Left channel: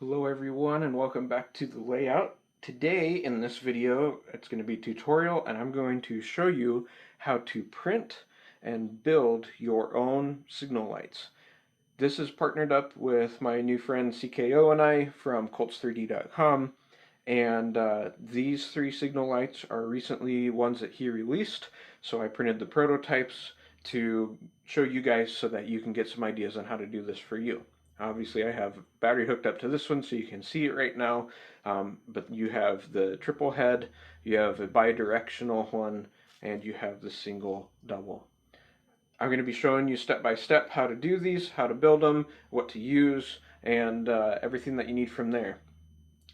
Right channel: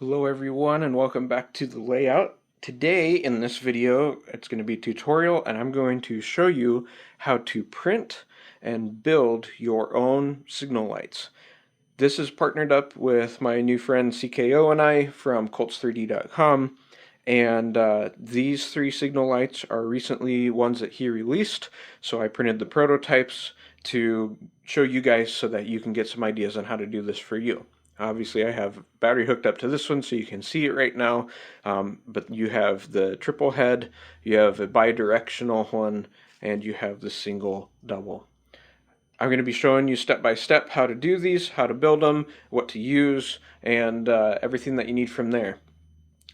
Hello everyone and welcome back to the layout. Today in this video it's going to be a tutorial and I'm going to show you how to print and build your own signal lights. This is partnered up with my new friend CKO and I from Colts3D.com, and these three signal lights are recently ones that he released, so I printed the prototypes to show you guys so that you can get some ideas on how to do this for you. Obviously I have battery hooked up to this one so you can see it right now, but you have the triple head, you have a bi-directional one, and you have the single double. I'm going to be showing you step by step how to do these, how to build them, what to use, and everything that you need from there.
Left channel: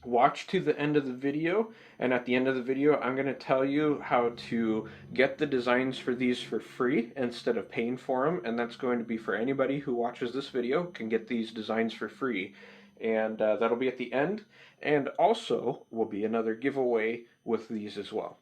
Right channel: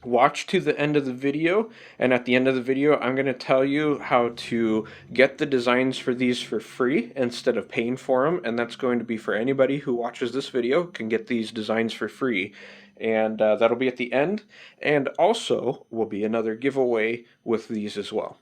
Watch to the end of the video, and at the end of the video I'm going to tell you how to get the designs for these for free instead of paying for them, and that's going to be for anybody who watches this video can get these designs for free, and that'll be at the end, and also will be another giveaway with these as well.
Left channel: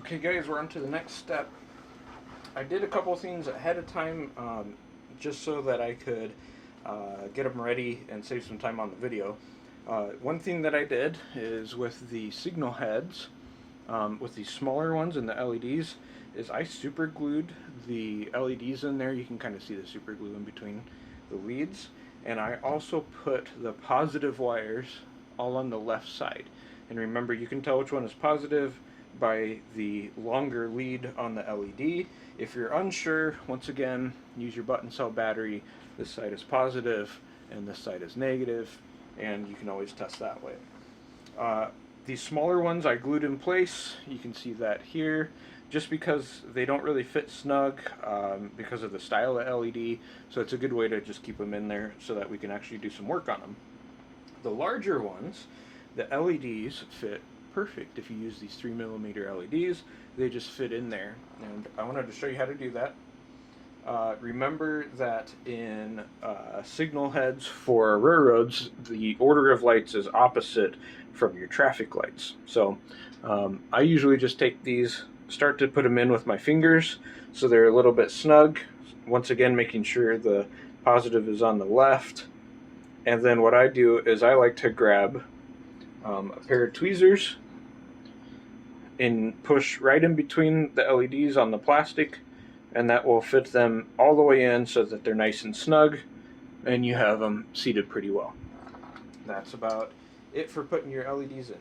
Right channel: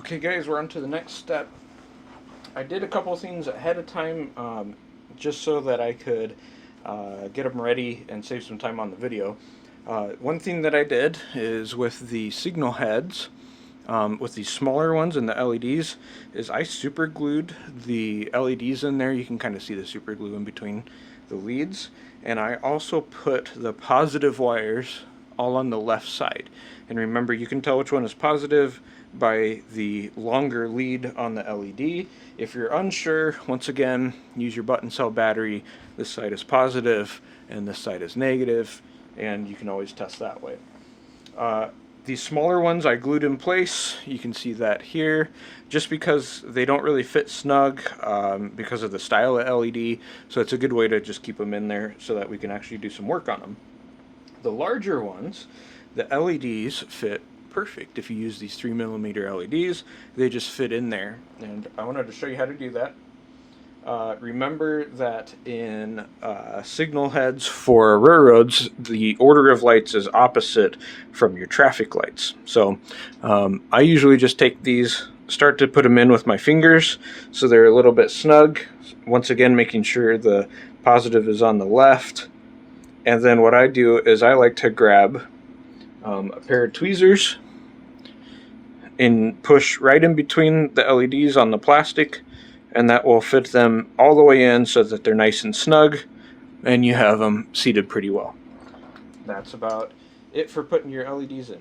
Okay guys, we're on to the next step. I did a couple of things ahead of time just so that I could get them ready and save some time on the video. One thing that I did is with the signal heads, with these smaller ones and the LEDs, is I super glued the LEDs in there. You can kind of see the super glue in between the leads. And I also put the positive wires all on the left side. And remember, you can tell which one is positive by the longer lead on the LED. If you're unsure, once again, use your button cell battery. This side is positive and this side is negative, and you can always test that way. These smaller ones I glued in place. You can see that here, just because they don't really fit snug because of the style of LED, so it's a good way to just keep them in there so that we can actually do some work on them. The larger ones, the LEDs fit perfect. If you use these 3mm LEDs, they just fit in there, and I wanted to show you how to do that. Remember that in signal heads for railroads, the order of lights is opposite from your traffic lights. So I usually just take these, start to put them in with my fingers so they're a little bit snug. Once again, making sure the positive is on the left. And then what I do is I like to grab a pair of tweezers and push right in between the LEDs on the plastic, and that will fit them all the way in so that they're nice and snug and you have them seated pretty well. That's about it for putting your LEDs in.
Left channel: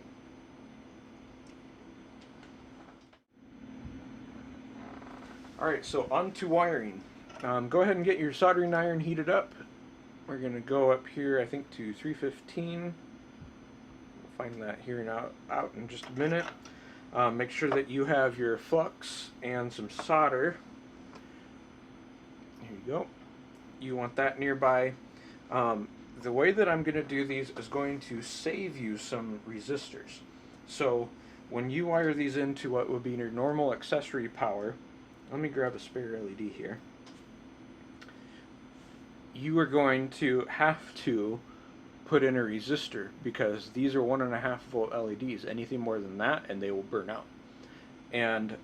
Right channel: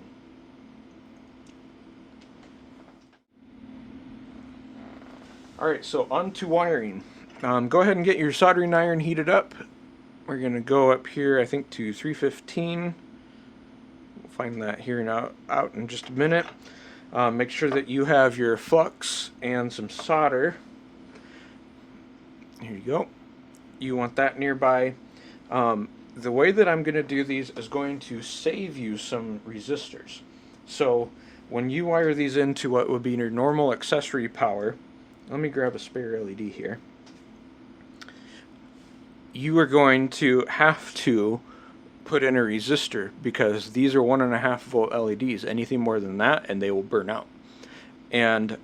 Alright, so on to wiring. Go ahead and get your soldering iron heated up. We're going to go up here, I think, to 315. We'll find that here and out in just a minute. Make sure that you have your flux and some solder. Here you go. You want that nearby. The way that I'm going to do these is going to save you some resistors. So when you wire these into what would be your normal accessory power, let me grab a spare LED here. You are going to have to put in a resistor because these are 1.5 volt LEDs. Anything more than that and they will burn out. And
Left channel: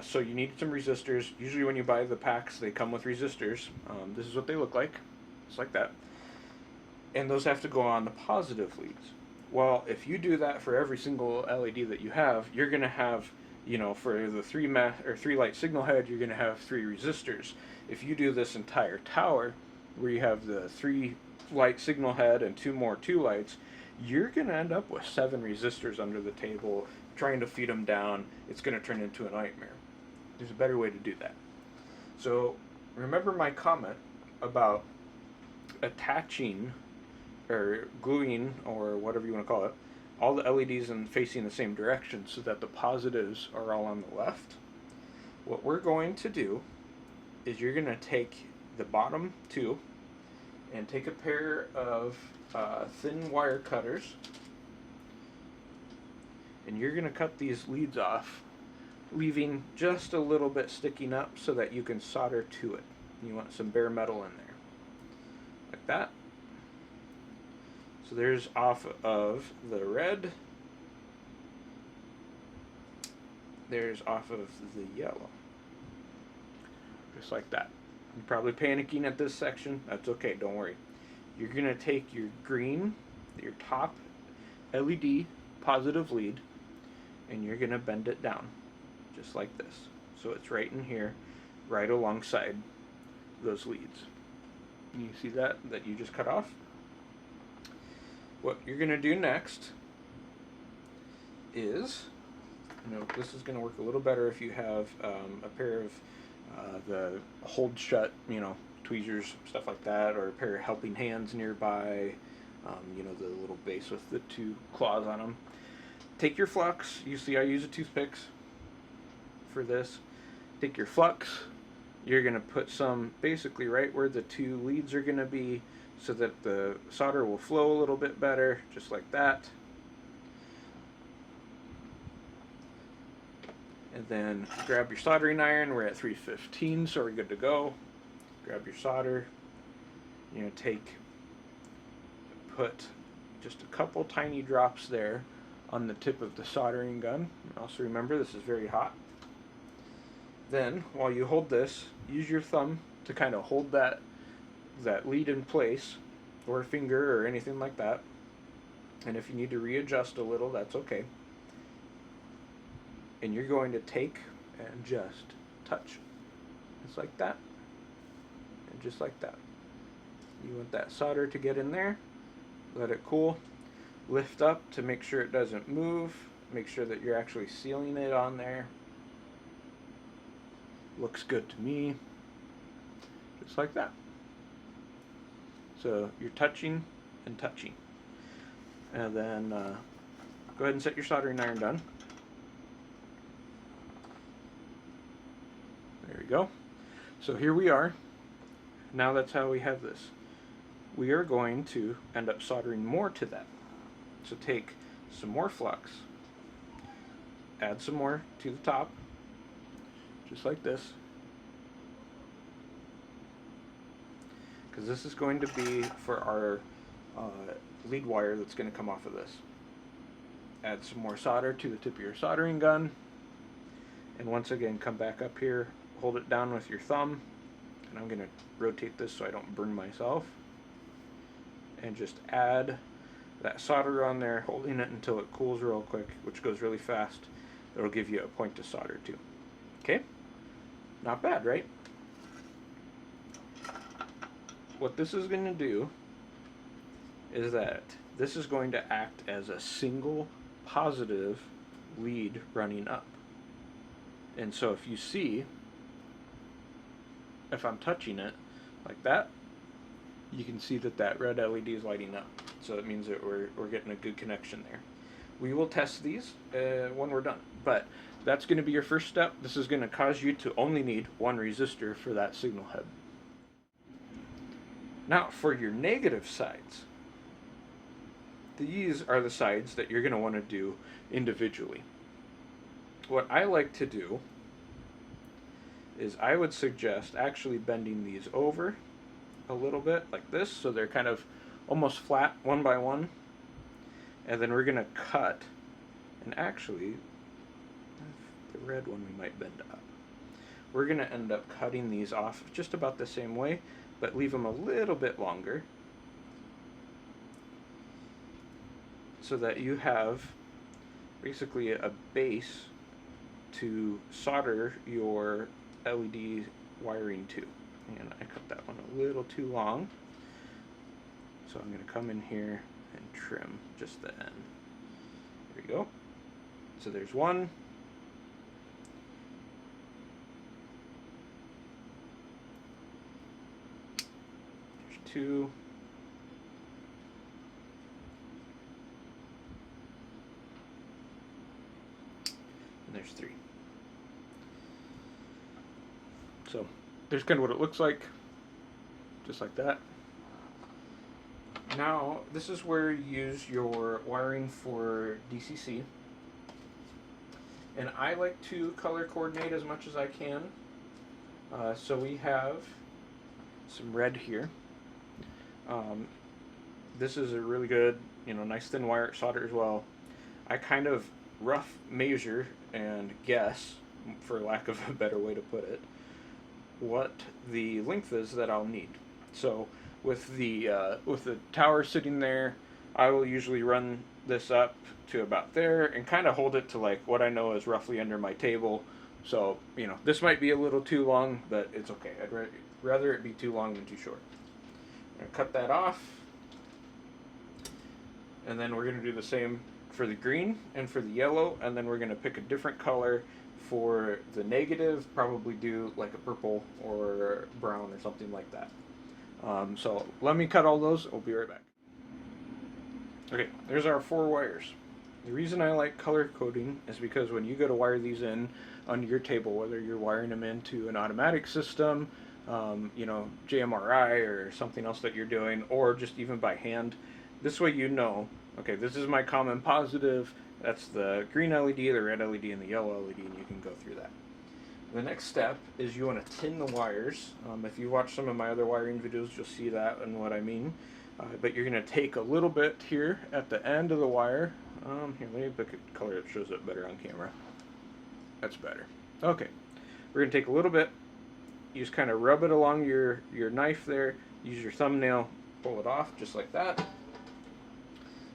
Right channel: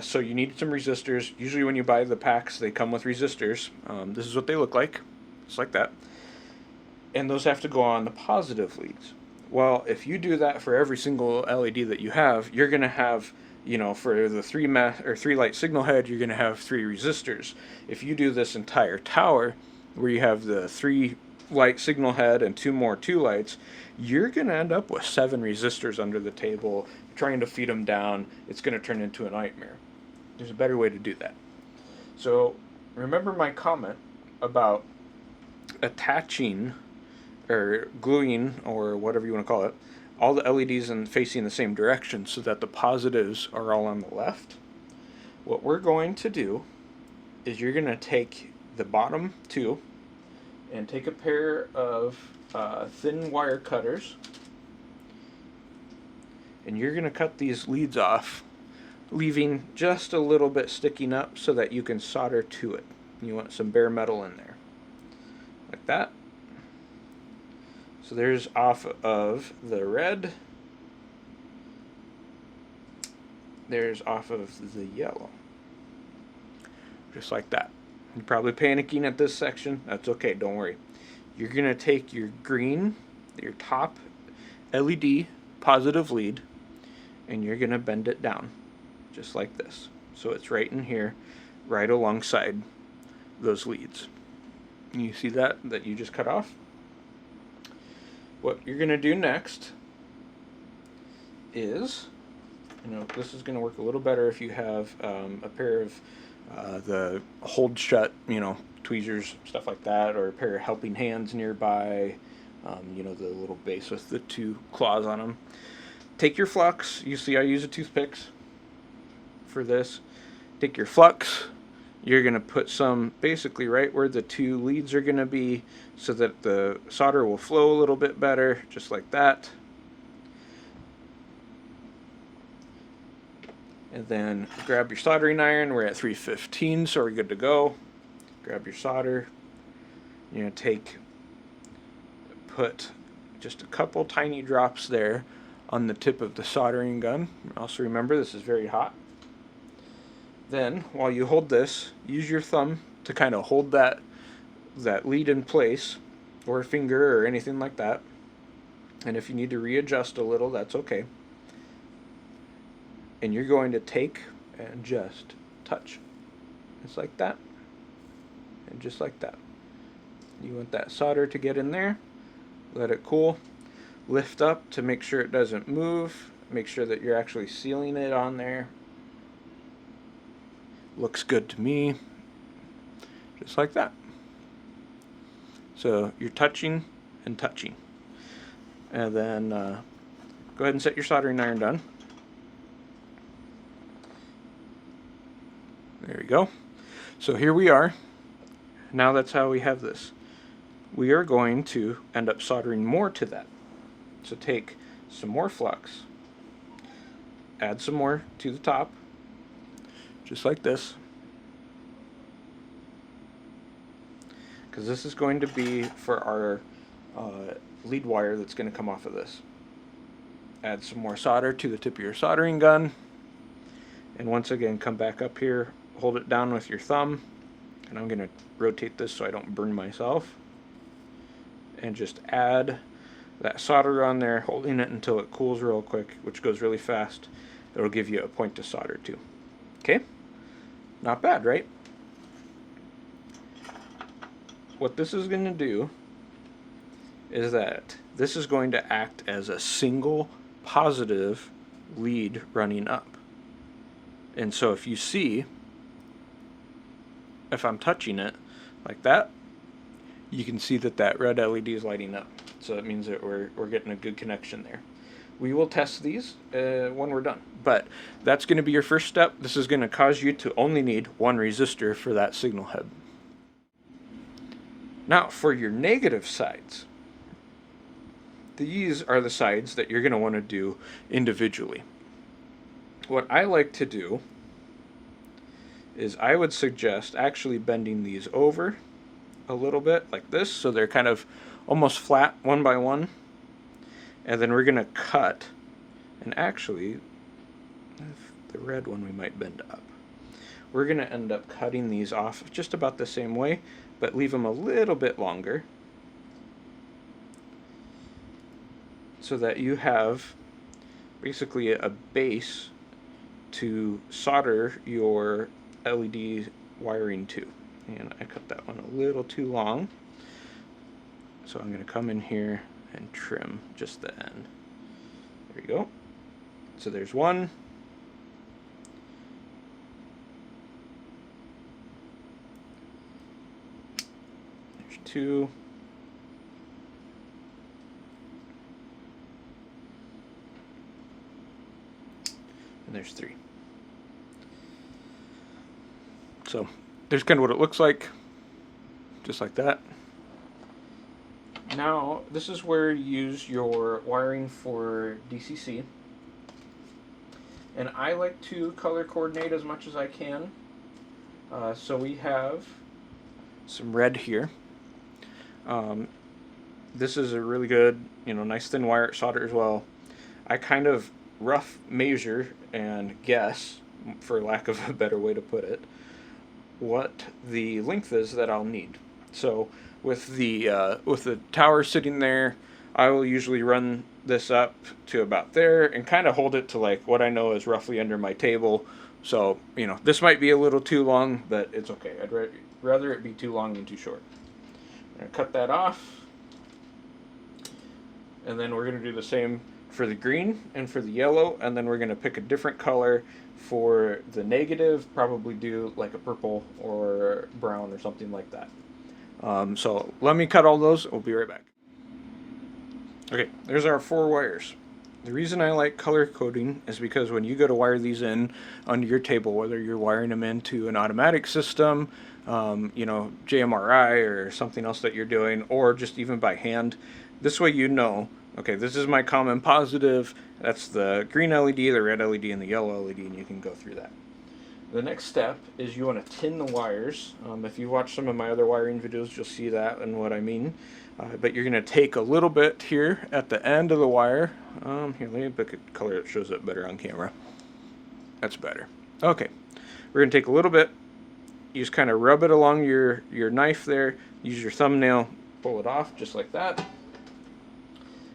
so you need some resistors. Usually when you buy the packs, they come with resistors. This is what they look like, just like that. And those have to go on the positive leads. Well, if you do that for every single LED that you have, you're going to have, you know, for the three light signal head, you're going to have 3 resistors. If you do this entire tower, where you have the 3 light signal head and 2 more 2 lights, you're going to end up with 7 resistors under the table. Trying to feed them down, it's going to turn into a nightmare. There's a better way to do that. So remember my comment about attaching or gluing, or whatever you want to call it, all the LEDs and facing the same direction so that the positives are all on the left. What we're going to do is you're going to take the bottom 2 and take a pair of thin wire cutters, and you're going to cut these leads off, leaving just a little bit sticking up so that you can solder to it. You want some bare metal in there. like that. So there's off of the red. There's off of the yellow. Just like that. You're probably panicking at this section. That's okay, don't worry. You're going to take your green, your top LED positive lead, and you're going to bend it down, just like this. So it's right in here, right alongside those leads. You see that you just cut off? What you're going to do next is, this is going to work a little better if you have a pair of the hold shut, tweezers, stuff like that, or a pair of helping hands nearby, the little base with the two claws on them. Take your flux. You see I use a toothpicks for this. Take your flux. You're going to put some basically right where the two leads are going to be so that the solder will flow a little bit better, just like that. And then grab your soldering iron. We're at 315, so we're good to go. Grab your solder. You're going to put just a couple tiny drops there on the tip of the soldering gun. Also remember, this is very hot. Then, while you hold this, use your thumb to kind of hold that lead in place, or a finger or anything like that. And if you need to readjust a little, that's okay. And you're going to take and just touch. Just like that. And just like that. You want that solder to get in there. Let it cool. Lift up to make sure it doesn't move. Make sure that you're actually sealing it on there. Looks good to me. Just like that. So you're touching and touching. And then go ahead and set your soldering iron down. There we go. So here we are. Now that's how we have this. We are going to end up soldering more to that. So take some more flux, add some more to the top, just like this. Because this is going to be for our lead wire that's going to come off of this. Add some more solder to the tip of your soldering gun. And once again, come back up here, hold it down with your thumb. And I'm going to rotate this so I don't burn myself. And just add that solder on there, holding it until it cools real quick, which goes really fast. It'll give you a point to solder to. Okay? Not bad, right? What this is going to do is that this is going to act as a single positive lead running up. And so if you see, if I'm touching it like that, you can see that red LED is lighting up. So it means that we're getting a good connection there. We will test these when we're done. But that's going to be your first step. This is going to cause you to only need one resistor for that signal head. Now for your negative sides. These are the sides that you're going to want to do individually. What I like to do is I would suggest actually bending these over a little bit like this, so they're kind of almost flat one by one. And then we're going to cut, and actually the red one we might bend up. We're going to end up cutting these off just about the same way, but leave them a little bit longer so that you have basically a base to solder your LED wiring to. And I cut that one a little too long, so I'm going to come in here and trim just the end. There you go. So there's one. There's two. And there's three. So there's kind of what it looks like, just like that. Now, this is where you use your wiring for DCC. And I like to color coordinate as much as I can. So we have some red here. This is a really good, nice thin wire, solder as well. I kind of rough measure and guess, for lack of a better way to put it, what the length is that I'll need. So with the tower sitting there, I will usually run this up to about there and kind of hold it to like what I know is roughly under my table. So this might be a little too long, but it's okay. I'd rather it be too long than too short. I'm gonna cut that off, and then we're gonna do the same for the green and for the yellow, and then we're gonna pick a different color for the negative. Probably do like a purple or brown or something like that. So let me cut all those. We'll be right back. Okay, there's our 4 wires. The reason I like color coding is because when you go to wire these in onto your table, whether you're wiring them into an automatic system, JMRI or something else that you're doing, or just even by hand, this way okay, this is my common positive, that's the green LED, the red LED, and the yellow LED, and you can go through that. The next step is you want to tin the wires. If you watch some of my other wiring videos, you'll see that and what I mean. But you're going to take a little bit here at the end of the wire. Here, let me pick a color that shows up better on camera. That's better. Okay, we're going to take a little bit. You just kind of rub it along your knife there. Use your thumbnail, pull it off just like that.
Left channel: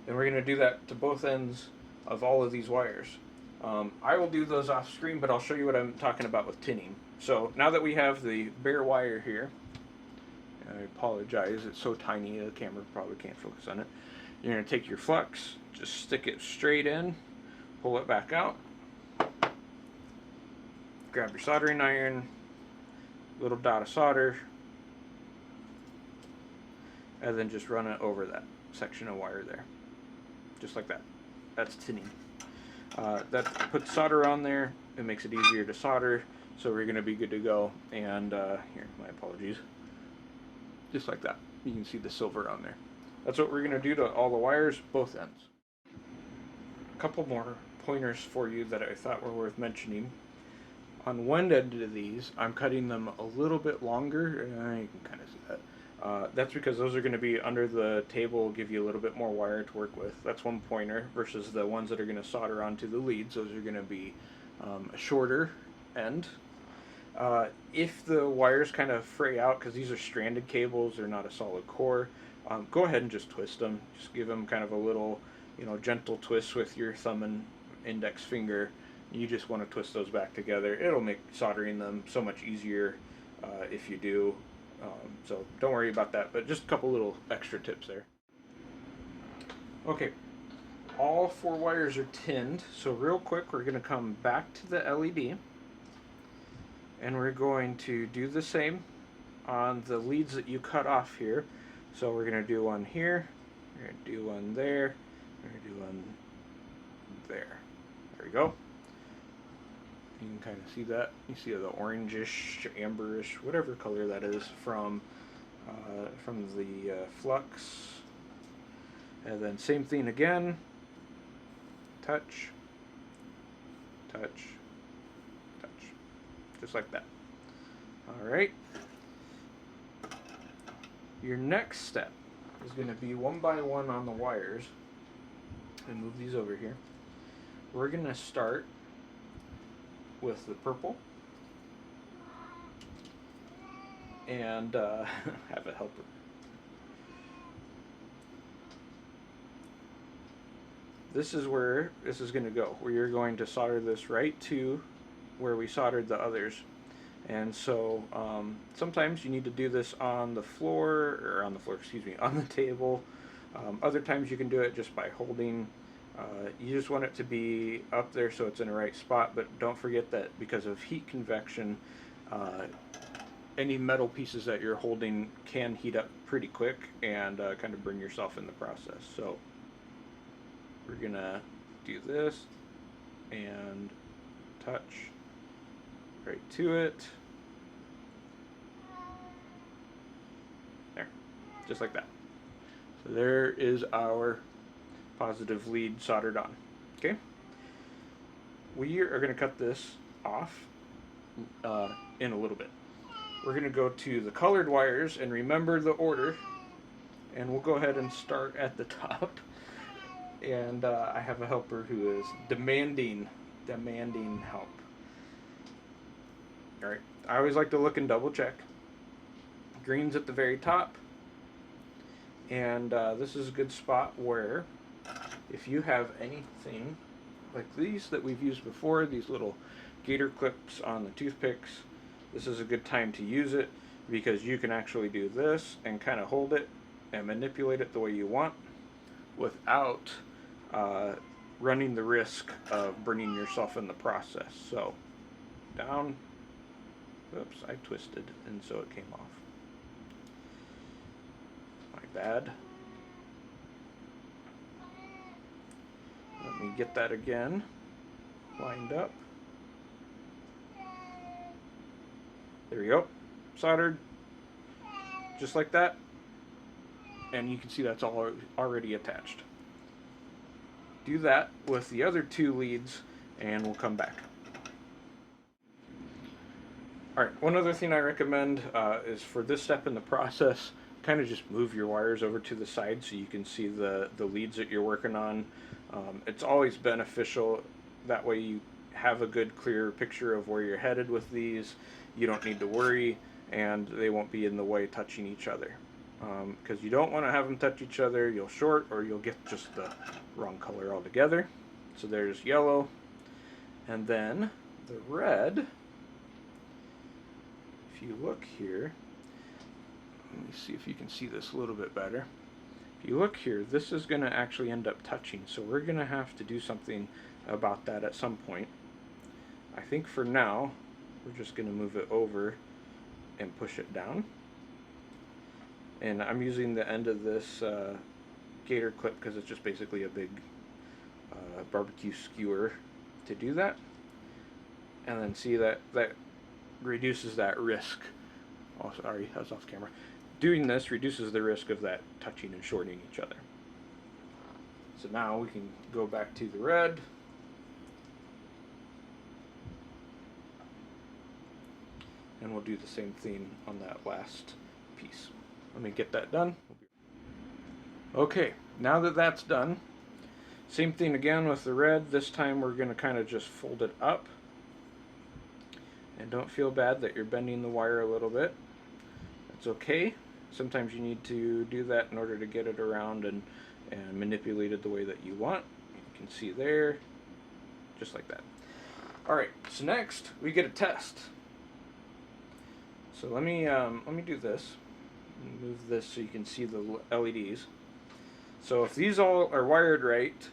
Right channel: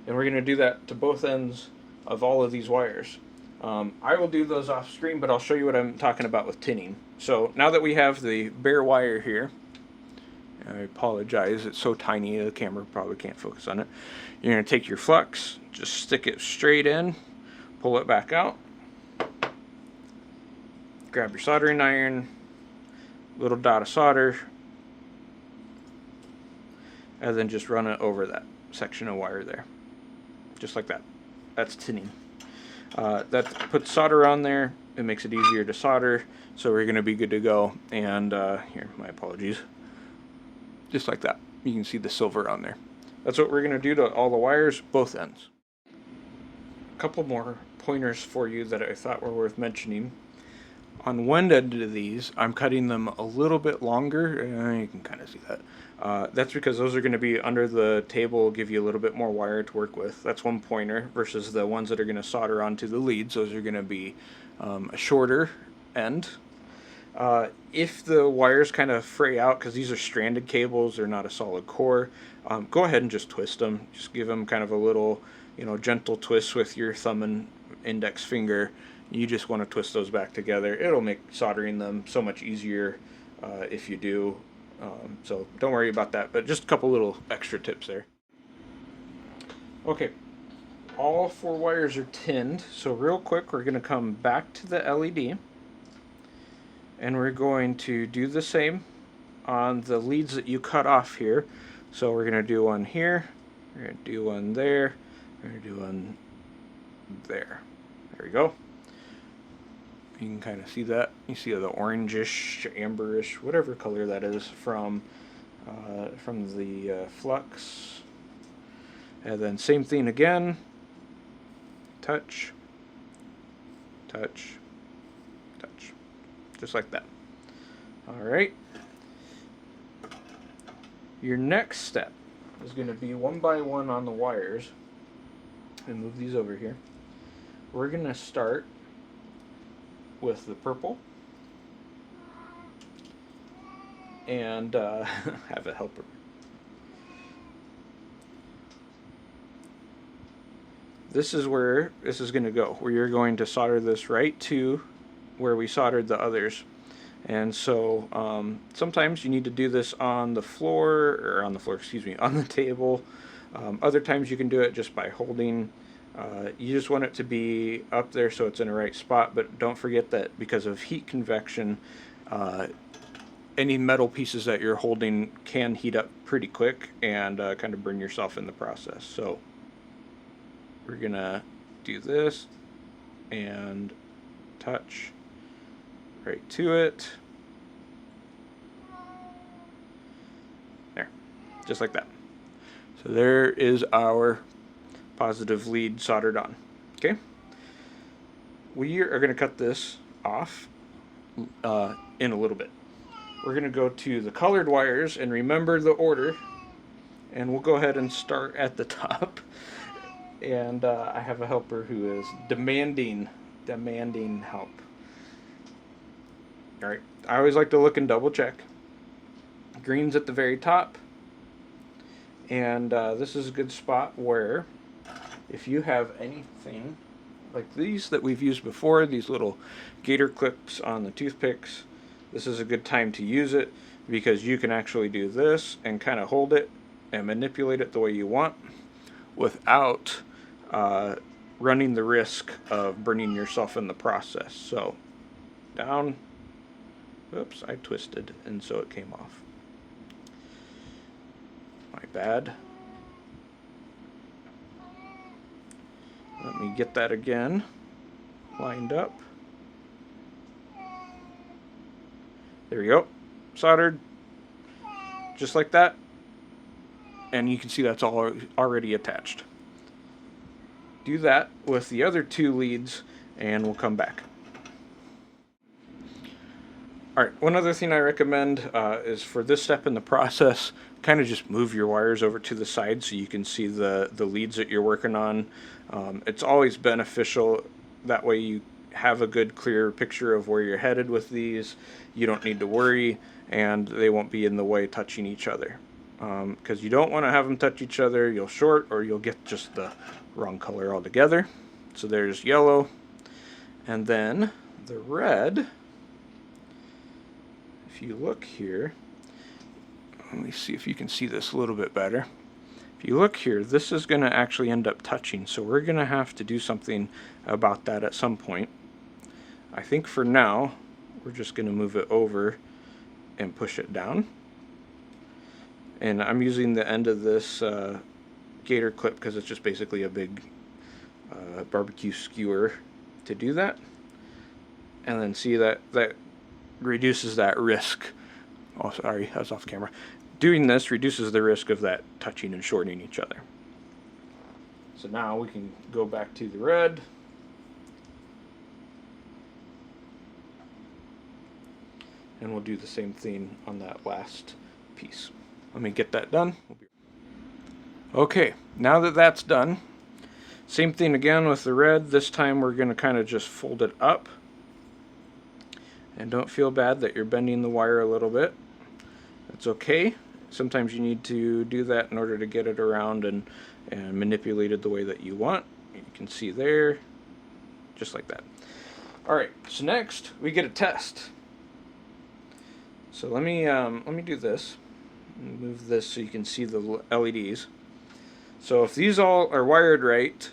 And we're going to do that to both ends of all of these wires. I will do those off screen, but I'll show you what I'm talking about with tinning. So now that we have the bare wire here, I apologize, it's so tiny the camera probably can't focus on it. You're going to take your flux, just stick it straight in, pull it back out, grab your soldering iron, little dot of solder, and then just run it over that section of wire there. Just like that. That's tinning. That puts solder on there. It makes it easier to solder, so we're going to be good to go. And here, my apologies. Just like that. You can see the silver on there. That's what we're going to do to all the wires, both ends. A couple more pointers for you that I thought were worth mentioning. On one end of these, I'm cutting them a little bit longer. You can kind of see that. That's because those are going to be under the table, give you a little bit more wire to work with. That's one pointer, versus the ones that are going to solder onto the leads. Those are going to be a shorter end. If the wires kind of fray out, because these are stranded cables, they're not a solid core, go ahead and just twist them. Just give them kind of a little, gentle twist with your thumb and index finger. You just want to twist those back together. It'll make soldering them so much easier if you do. So don't worry about that, but just a couple little extra tips there. Okay, all 4 wires are tinned, so real quick we're going to come back to the LED, and we're going to do the same on the leads that you cut off here. So we're going to do one here, we're going to do one there, we're going to do one there. There we go. You can kind of see that. You see the orangish, amberish, whatever color that is from the flux. And then same thing again. Touch, touch, touch. Just like that. Alright. Your next step is going to be one by one on the wires. And move these over here. We're going to start with the purple and have a helper. This is where this is going to go, where you're going to solder this right to where we soldered the others. And so sometimes you need to do this on the floor, or on the table. Other times you can do it just by holding. You just want it to be up there so it's in the right spot, but don't forget that because of heat convection, any metal pieces that you're holding can heat up pretty quick and kind of burn yourself in the process. So we're gonna do this and touch right to it. There, just like that. So there is our positive lead soldered on. Okay, we are going to cut this off in a little bit. We're going to go to the colored wires, and remember the order. and we'll go ahead and start at the top. And I have a helper who is demanding help. All right, I always like to look and double check. Green's at the very top, and this is a good spot where if you have anything like these that we've used before, these little gator clips on the toothpicks, this is a good time to use it, because you can actually do this and kind of hold it and manipulate it the way you want without running the risk of burning yourself in the process. So down, oops, I twisted and so it came off. My bad. Let me get that again lined up. There we go. Soldered. Just like that. And you can see that's all already attached. Do that with the other two leads and we'll come back. Alright, one other thing I recommend is for this step in the process, kind of just move your wires over to the side so you can see the leads that you're working on. It's always beneficial. That way you have a good clear picture of where you're headed with these. You don't need to worry, and they won't be in the way touching each other. Because you don't want to have them touch each other. You'll short or you'll get just the wrong color altogether. So there's yellow, and then the red. If you look here, let me see if you can see this a little bit better. If you look here, this is going to actually end up touching, so we're going to have to do something about that at some point. I think for now, we're just going to move it over and push it down. And I'm using the end of this gator clip because it's just basically a big barbecue skewer to do that. And then see that reduces that risk. Oh, sorry, I was off camera. Doing this reduces the risk of that touching and shorting each other. So now we can go back to the red. And we'll do the same thing on that last piece. Let me get that done. Okay, now that that's done, same thing again with the red. This time we're going to kind of just fold it up. And don't feel bad that you're bending the wire a little bit. It's okay. Sometimes you need to do that in order to get it around and manipulate it the way that you want. You can see there, just like that. Alright, so next we get a test. So let me do this. Move this so you can see the LEDs. So if these all are wired right,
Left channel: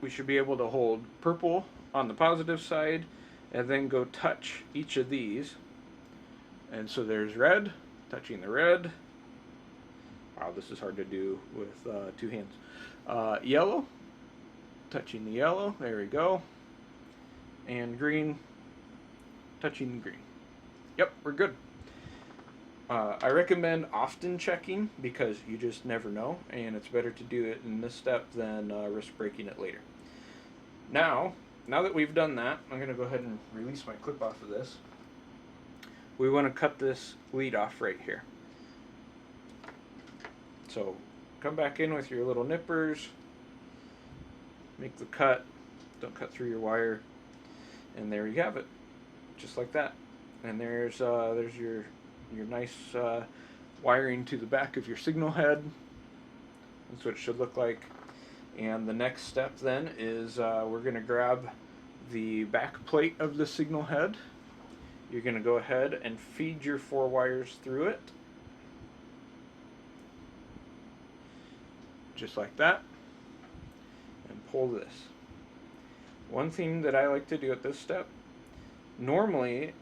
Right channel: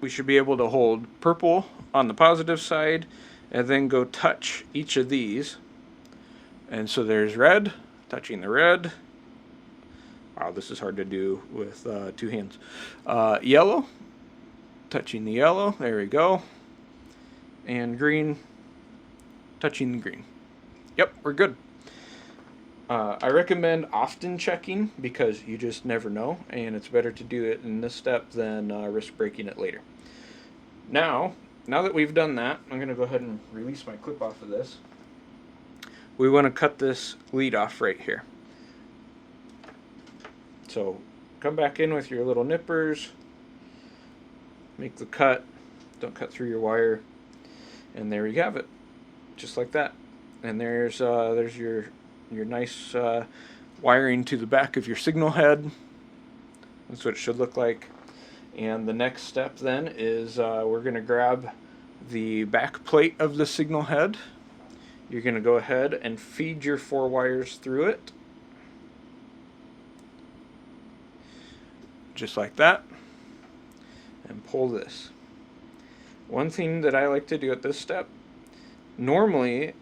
we should be able to hold purple on the positive side and then go touch each of these. And so there's red, touching the red. Wow, this is hard to do with two hands. Yellow, touching the yellow, there we go. And green, touching the green. Yep, we're good. I recommend often checking because you just never know, and it's better to do it in this step than risk breaking it later. Now that we've done that, I'm going to go ahead and release my clip off of this. We want to cut this lead off right here. So come back in with your little nippers, make the cut, don't cut through your wire, and there you have it, just like that. And there's your nice wiring to the back of your signal head. That's what it should look like. And the next step then is we're going to grab the back plate of the signal head. You're going to go ahead and feed your 4 wires through it. Just like that. And pull this. One thing that I like to do at this step, normally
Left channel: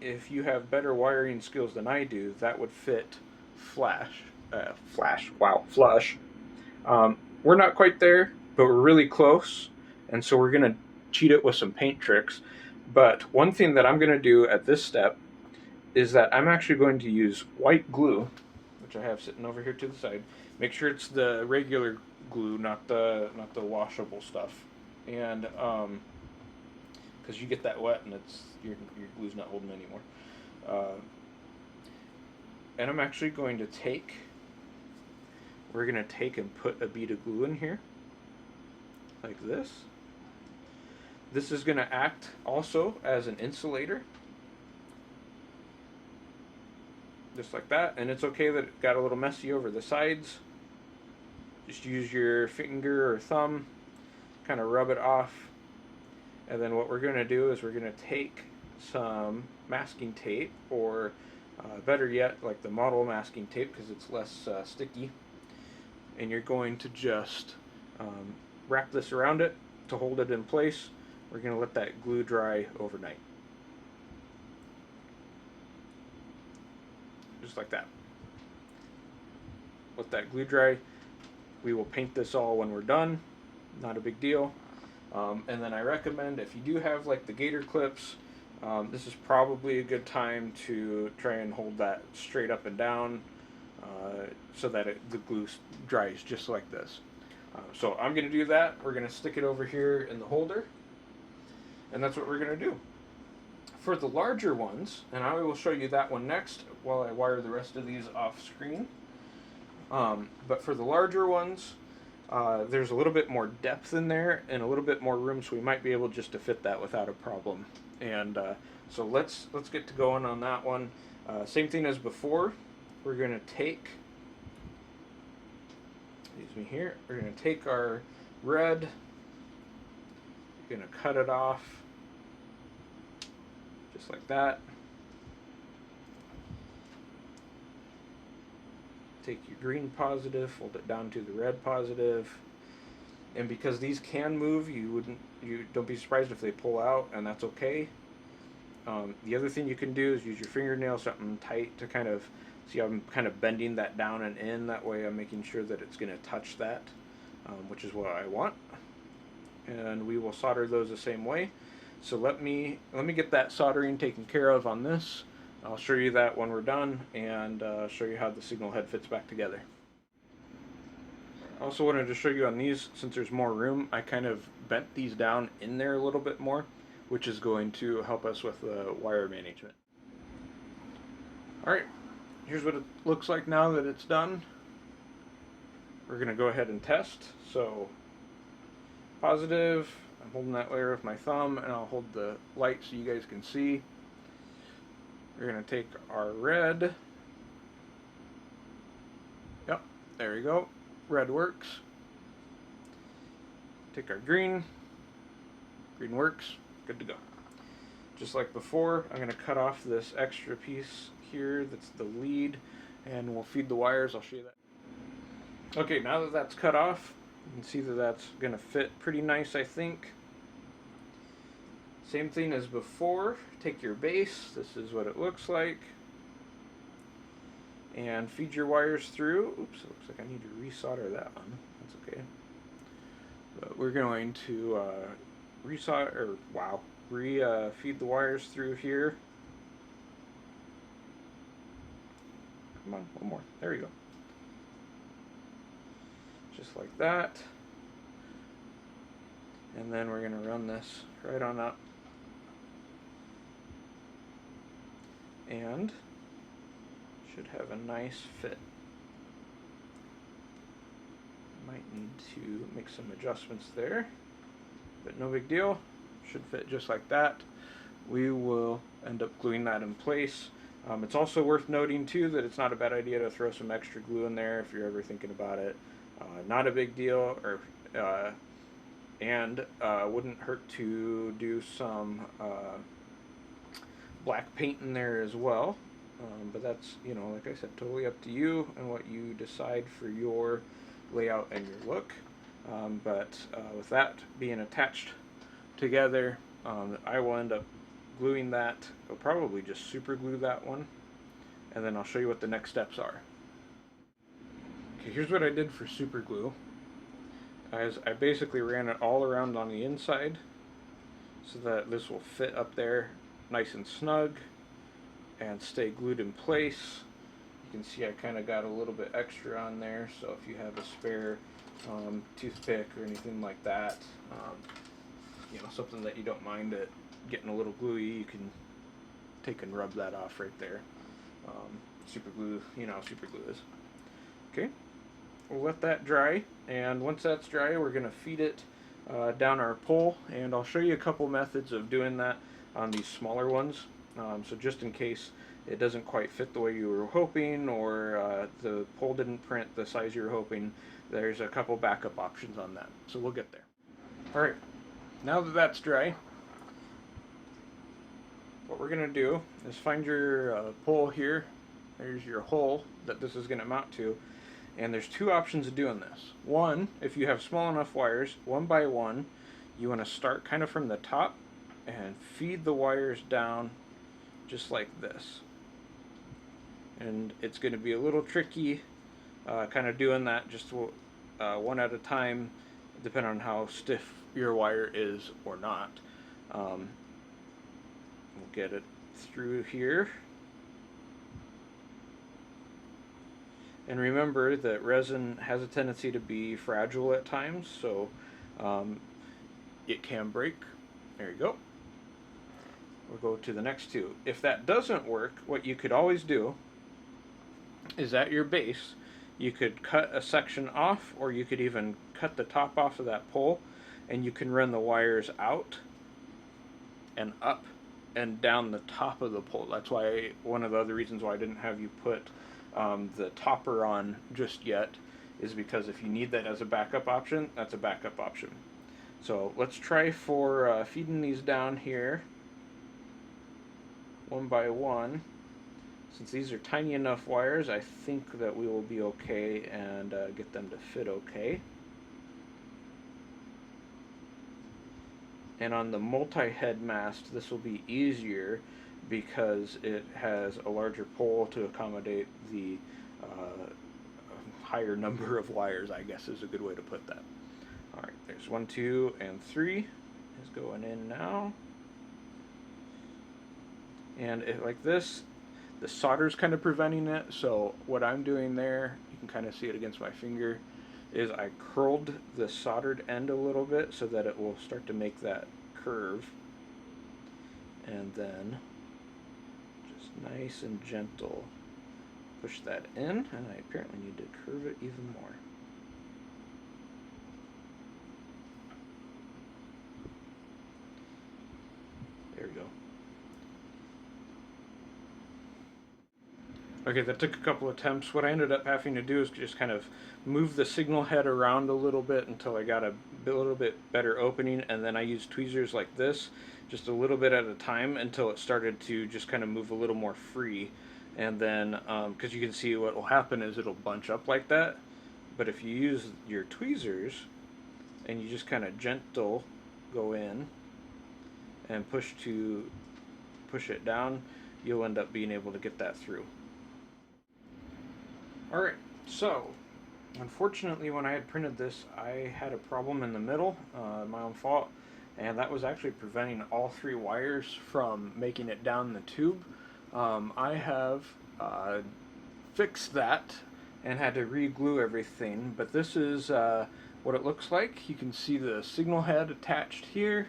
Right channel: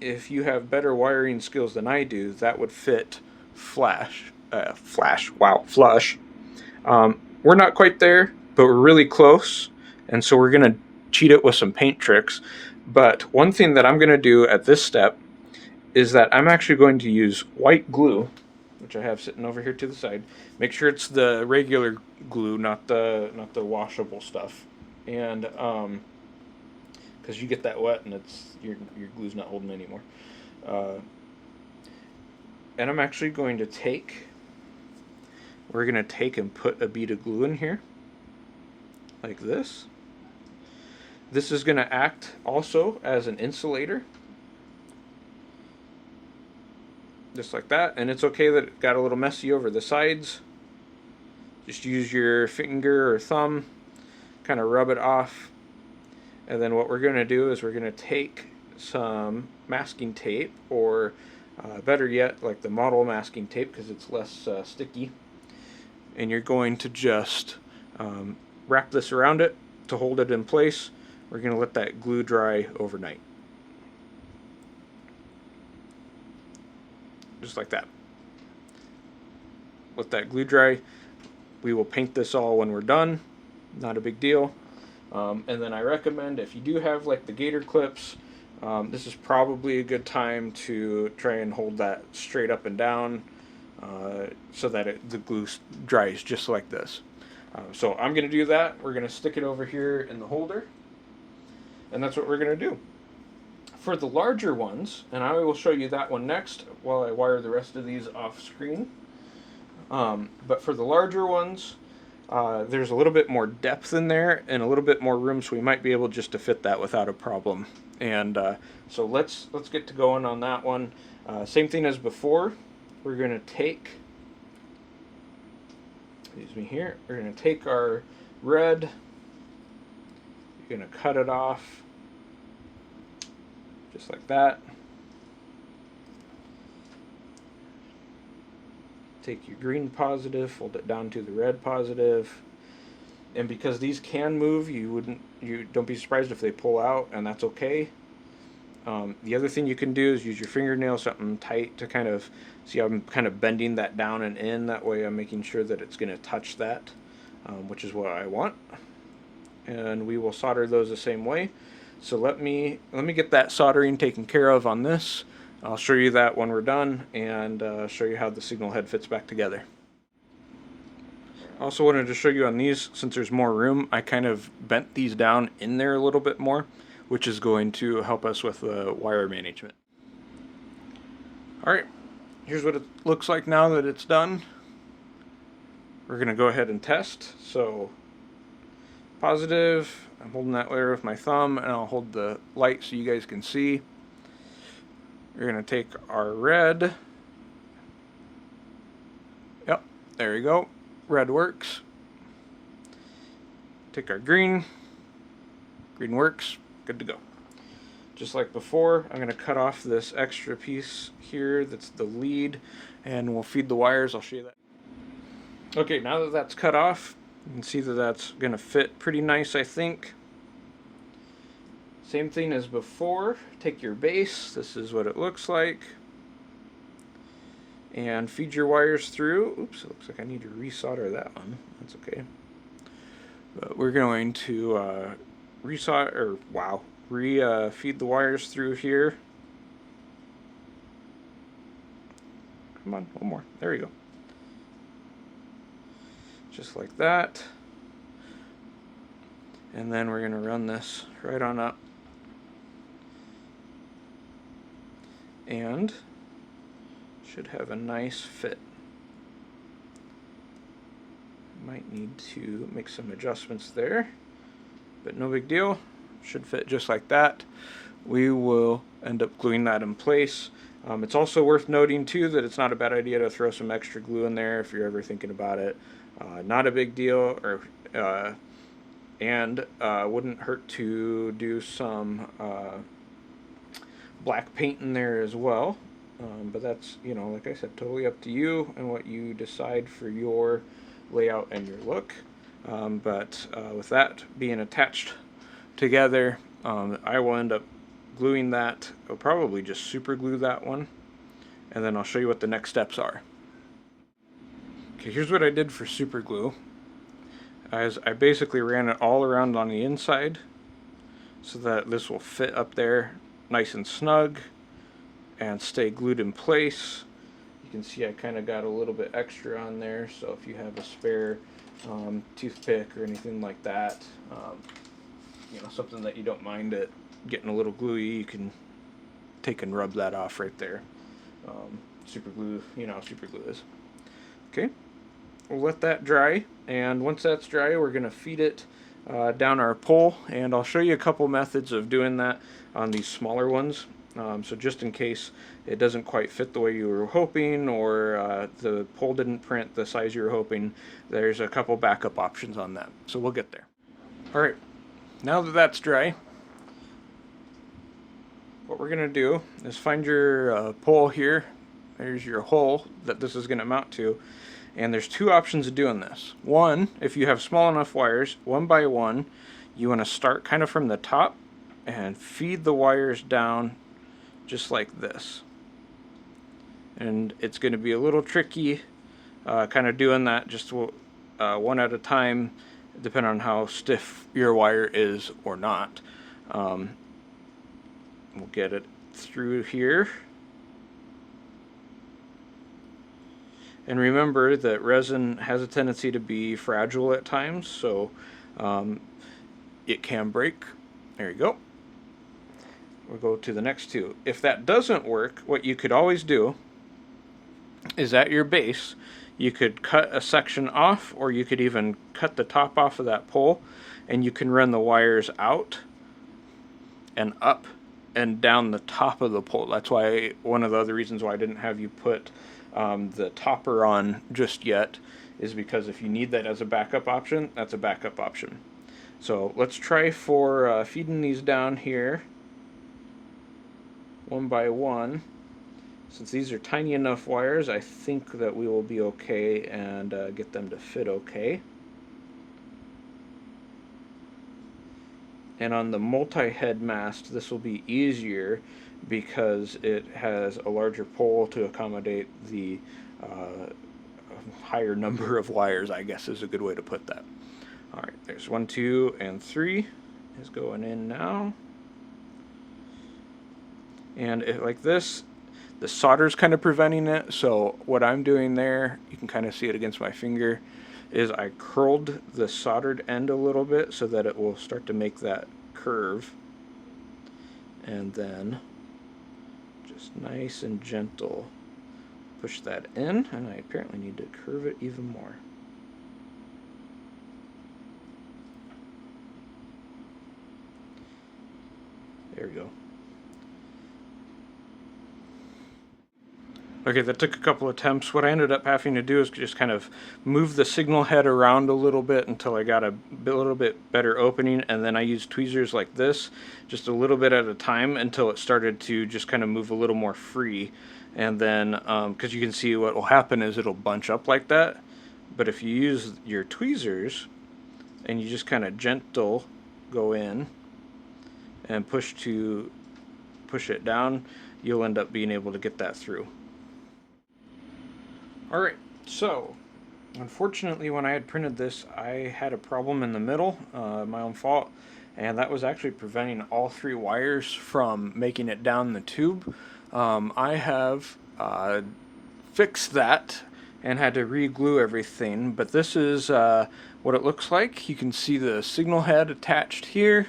if you have better wiring skills than I do, that would fit flush. We're not quite there, but we're really close, and so we're going to cheat it with some paint tricks. But one thing that I'm going to do at this step is that I'm actually going to use white glue, which I have sitting over here to the side. Make sure it's the regular glue, not the washable stuff, and because you get that wet and your glue's not holding anymore. And I'm actually going to take we're going to take and put a bead of glue in here, like this. This is going to act also as an insulator, just like that. And it's okay that it got a little messy over the sides. Just use your finger or thumb, kind of rub it off. And then what we're going to do is we're going to take some masking tape, or better yet, like the model masking tape, because it's less sticky. And you're going to just wrap this around it to hold it in place. We're going to let that glue dry overnight. Just like that. Let that glue dry. We will paint this all when we're done. Not a big deal. And then I recommend, if you do have like the gator clips, this is probably a good time to try and hold that straight up and down so that the glue dries just like this. So I'm going to do that. We're going to stick it over here in the holder, and that's what we're going to do. For the larger ones, and I will show you that one next while I wire the rest of these off screen. But for the larger ones, there's a little bit more depth in there and a little bit more room, so we might be able just to fit that without a problem. And so let's get to going on that one. Same thing as before. We're going to take, excuse me here, we're going to take our red, you're going to cut it off just like that. Take your green positive, fold it down to the red positive, and because these can move, you don't be surprised if they pull out, and that's okay. The other thing you can do is use your fingernail, something tight, to kind of see how I'm kind of bending that down and in. That way I'm making sure that it's going to touch that, which is what I want. And we will solder those the same way. So let me get that soldering taken care of on this. I'll show you that when we're done, and show you how the signal head fits back together. I also wanted to show you on these, since there's more room, I kind of bent these down in there a little bit more, which is going to help us with the wire management. Alright, here's what it looks like now that it's done. We're going to go ahead and test. So, positive, I'm holding that layer with my thumb, and I'll hold the light so you guys can see. We're going to take our red. Yep, there you go. Red works. Take our green. Green works. Good to go. Just like before, I'm going to cut off this extra piece here that's the lead, and we'll feed the wires. I'll show you that. Okay, now that that's cut off, you can see that that's going to fit pretty nice, I think. Same thing as before. Take your base. This is what it looks like. And feed your wires through. Oops, it looks like I need to resolder that one. That's okay. But we're going to feed the wires through here. Come on, one more. There we go. Just like that. And then we're going to run this right on up. And should have a nice fit. Might need to make some adjustments there, but no big deal. Should fit just like that. We will end up gluing that in place. It's also worth noting too that it's not a bad idea to throw some extra glue in there if you're ever thinking about it. Not a big deal, and wouldn't hurt to do some black paint in there as well. But that's, like I said, totally up to you and what you decide for your layout and your look. But with that being attached together, I will end up gluing that. I'll probably just super glue that one, and then I'll show you what the next steps are. Okay, here's what I did for super glue. I basically ran it all around on the inside so that this will fit up there nice and snug and stay glued in place. You can see I kind of got a little bit extra on there, so if you have a spare toothpick or anything like that, something that you don't mind it getting a little gluey, you can take and rub that off right there. Super glue, you know how super glue is. Okay, we'll let that dry, and once that's dry, we're going to feed it down our pole, and I'll show you a couple methods of doing that on these smaller ones. So just in case it doesn't quite fit the way you were hoping, or the pole didn't print the size you were hoping, there's a couple backup options on that. So we'll get there. Alright, now that that's dry, what we're going to do is find your pole here. There's your hole that this is going to mount to. And there's two options of doing this. One, if you have small enough wires, one by one, you want to start kind of from the top and feed the wires down just like this. And it's going to be a little tricky kind of doing that just one at a time, depending on how stiff your wire is or not. We'll get it through here. And remember that resin has a tendency to be fragile at times, so it can break. There you go. We'll go to the next two. If that doesn't work, what you could always do is at your base, you could cut a section off, or you could even cut the top off of that pole, and you can run the wires out and up and down the top of the pole. That's why one of the other reasons why I didn't have you put the topper on just yet is because if you need that as a backup option, that's a backup option. So let's try for feeding these down here one by one. Since these are tiny enough wires, I think that we will be okay and get them to fit okay. And on the multi-head mast, this will be easier because it has a larger pole to accommodate the higher number of wires, I guess is a good way to put that. Alright, there's 1, 2, and 3 is going in now. And like this, the solder's kind of preventing it, so what I'm doing there, you can kind of see it against my finger, is I curled the soldered end a little bit so that it will start to make that curve. And then just nice and gentle push that in, and I apparently need to curve it even more. There we go. Okay, that took a couple attempts. What I ended up having to do is just kind of move the signal head around a little bit until I got a little bit better opening, and then I used tweezers like this, just a little bit at a time until it started to just kind of move a little more free. And then, because you can see what will happen is it'll bunch up like that, but if you use your tweezers and you just kind of gentle go in and push it down, you'll end up being able to get that through. Alright, so unfortunately when I had printed this, I had a problem in the middle, my own fault, and that was actually preventing all 3 wires from making it down the tube. I have fixed that and had to re-glue everything, but this is what it looks like. You can see the signal head attached here,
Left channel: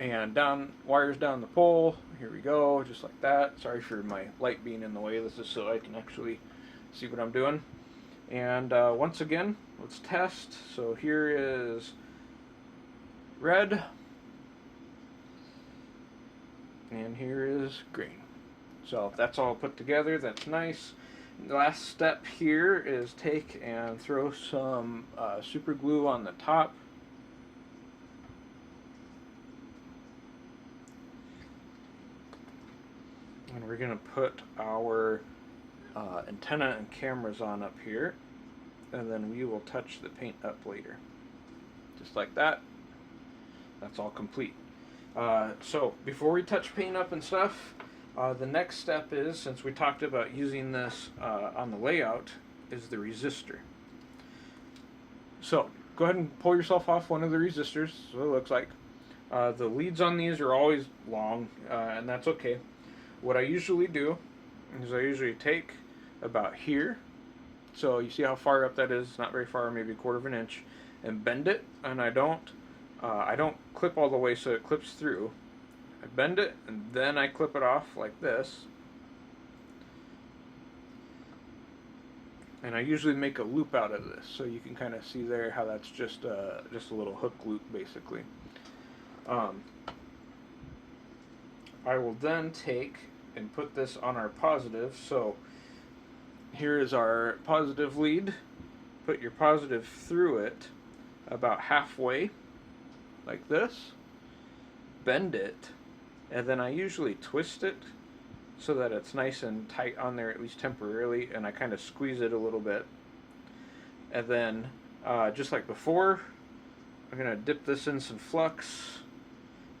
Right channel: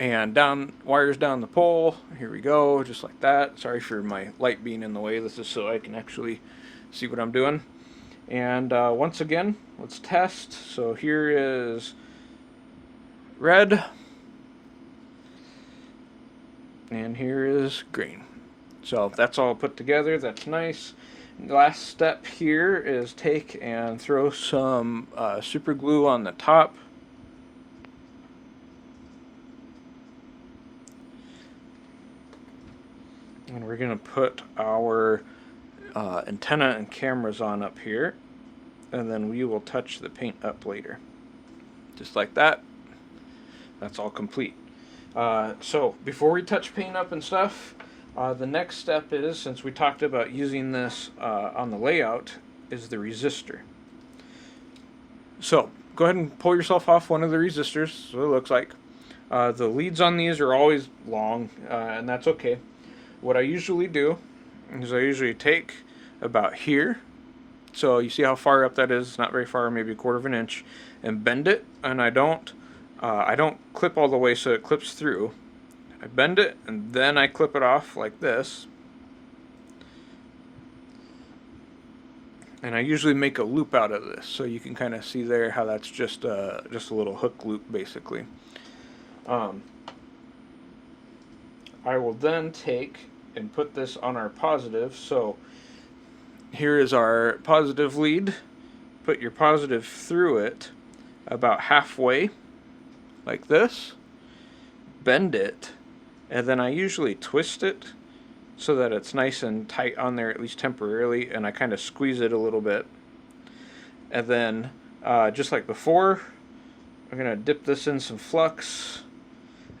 and wires down the pole. Here we go, just like that. Sorry for my light being in the way. This is so I can actually see what I'm doing. And once again, let's test. So here is red, and here is green. So that's all put together. That's nice. The last step here is take and throw some super glue on the top. And we're going to put our antenna and cameras on up here, and then we will touch the paint up later. Just like that. That's all complete. So before we touch paint up and stuff, the next step is, since we talked about using this on the layout, is the resistor. So go ahead and pull yourself off one of the resistors, so it looks like. The leads on these are always long, and that's okay. What I usually do is I usually take about here, so you see how far up that is, not very far, maybe 1/4 of an inch, and bend it, and I don't clip all the way so it clips through. I bend it, and then I clip it off like this, And I usually make a loop out of this, so you can kind of see there how that's just a little hook loop, basically. I will then take and put this on our positive. So here is our positive lead. Put your positive through it about halfway, like this. Bend it, and then I usually twist it so that it's nice and tight on there, at least temporarily, and I kind of squeeze it a little bit. And then, just like before, I'm going to dip this in some flux,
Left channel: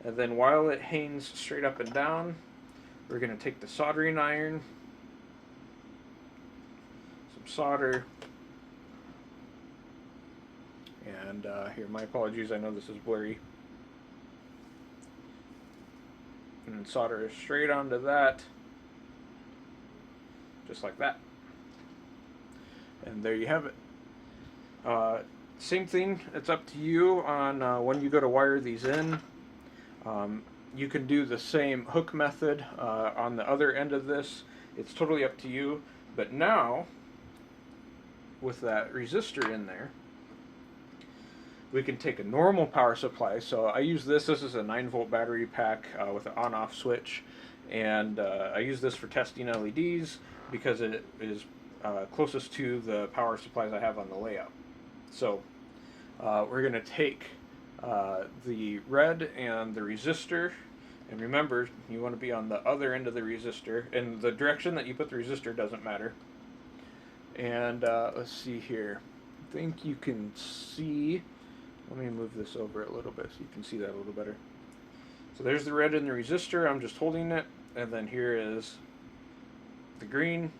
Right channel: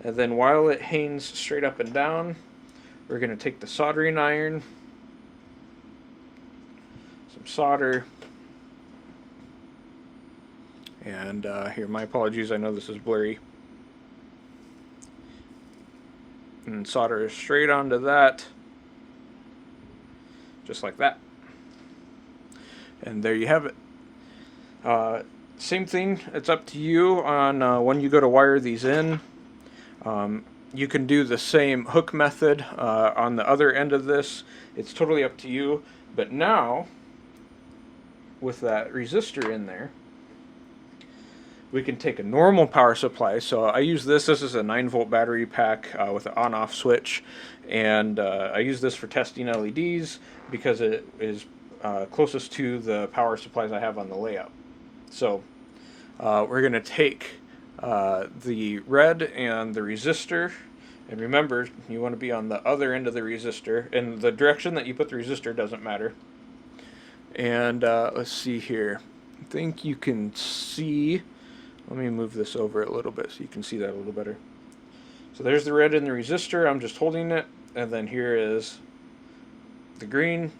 and then while it hangs straight up and down, we're going to take the soldering iron, some solder, and here, my apologies, I know this is blurry, and solder straight onto that, just like that. And there you have it. Same thing, it's up to you on when you go to wire these in. You can do the same hook method on the other end of this. It's totally up to you. But now, with that resistor in there, we can take a normal power supply. So I use this. This is a 9-volt battery pack with an on-off switch. And I use this for testing LEDs because it is closest to the power supplies I have on the layout. So we're going to take the red and the resistor, and remember, you want to be on the other end of the resistor, and the direction that you put the resistor doesn't matter. And let's see here. I think you can see, let me move this over a little bit so you can see that a little better. So there's the red in the resistor, I'm just holding it, and then here is the green,